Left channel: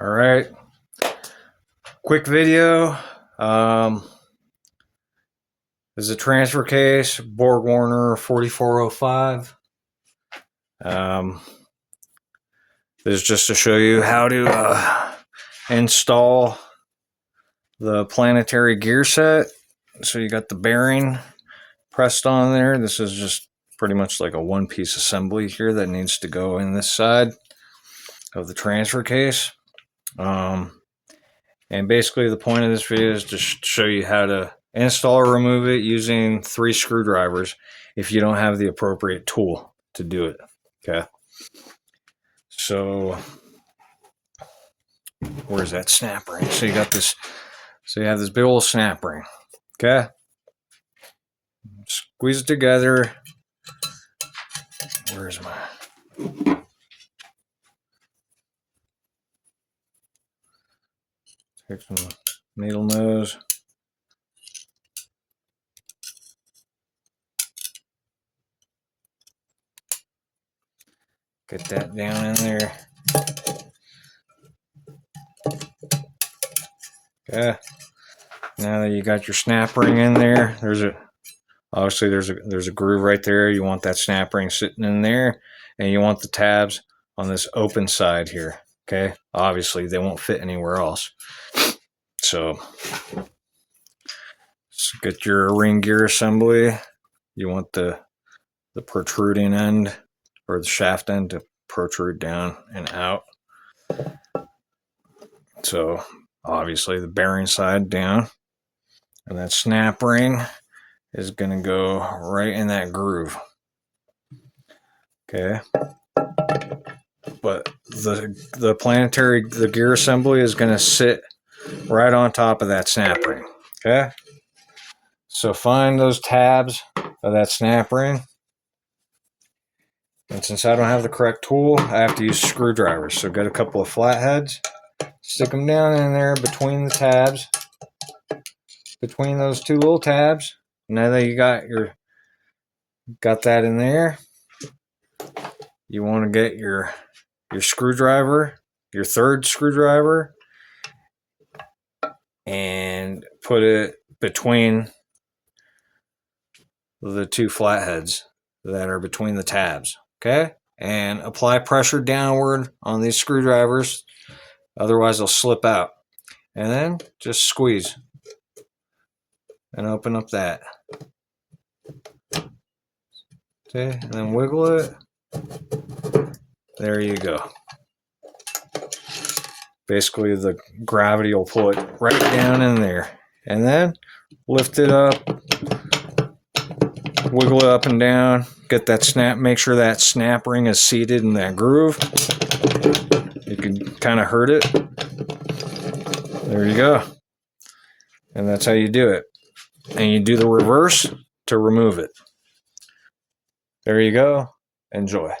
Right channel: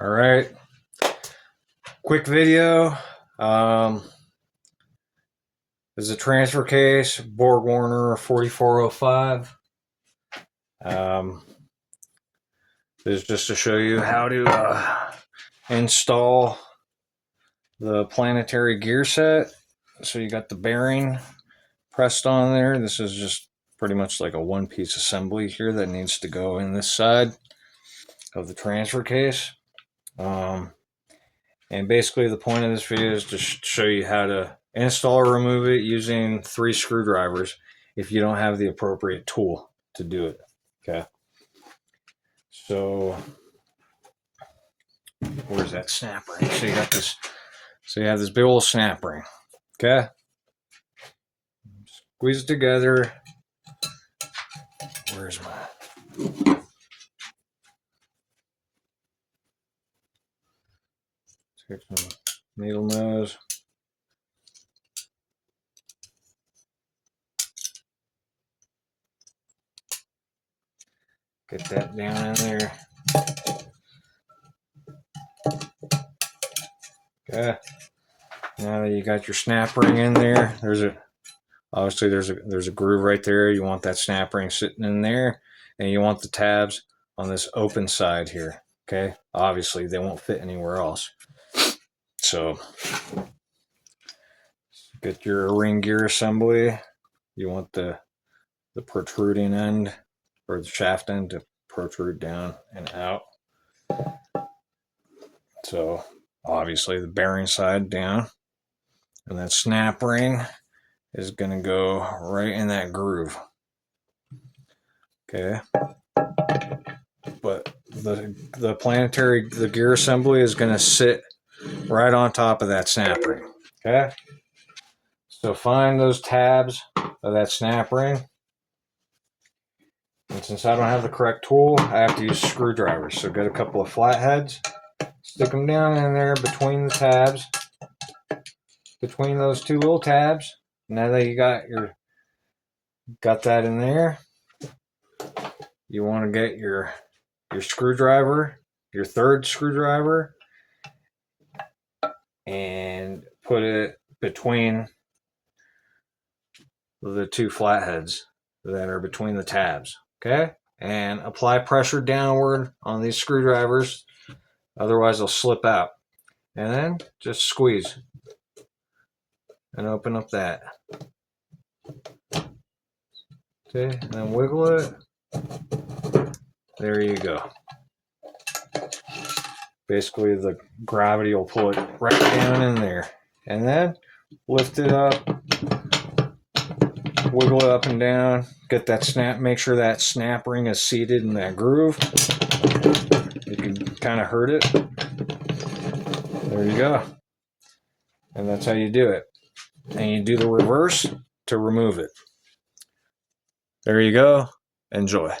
All right, quick video. This is a transfer case, BW4405. This is just to show you how to install the Planetary gear set. So you got the bearing pressed on there. This is just pretty much like a one-piece assembly here that needs to go in this side of the transfer case. And basically the point of this video is to show you how to install or remove it using 3 screwdrivers if you don't have the appropriate tool to do it. Okay. So where's that snap ring? So you got this, so you have this big old snap ring. Okay. Squeeze it together. Where's my take some needle nose. Get that down in there. Okay. Now that you got your snap ring in there, obviously there's a groove right there. You want that snap ring sitting in there, and you want the tabs on this open side here. Okay. Obviously they won't fit anywhere else. So get your ring gear assembly. You want the protruding end or the shaft end to protrude down and out. So obviously the bearing side down, and that snap ring is going to go right in that groove. Okay. But the Planetary, the gear assembly is going to sit right on top of that snap ring. Okay. So find those tabs of that snap ring. And since I don't have the correct tool, I have to use screwdrivers. So get a couple of flatheads, stick them down in there between the tabs, between those 2 little tabs. Now that you got that in there, you want to get your screwdriver, your 3rd screwdriver, and put it between the 2 flatheads that are between the tabs. Okay, and apply pressure downward on these screwdrivers, otherwise they'll slip out. And then just squeeze and open up that. Okay, and then wiggle it. There you go. Basically the gravity will pull it right down in there. And then lift it up, wiggle it up and down, get that snap, make sure that snap ring is seated in that groove. You can kind of hurt it. There you go. And that's how you do it. And you do the reverse to remove it. There you go. Enjoy.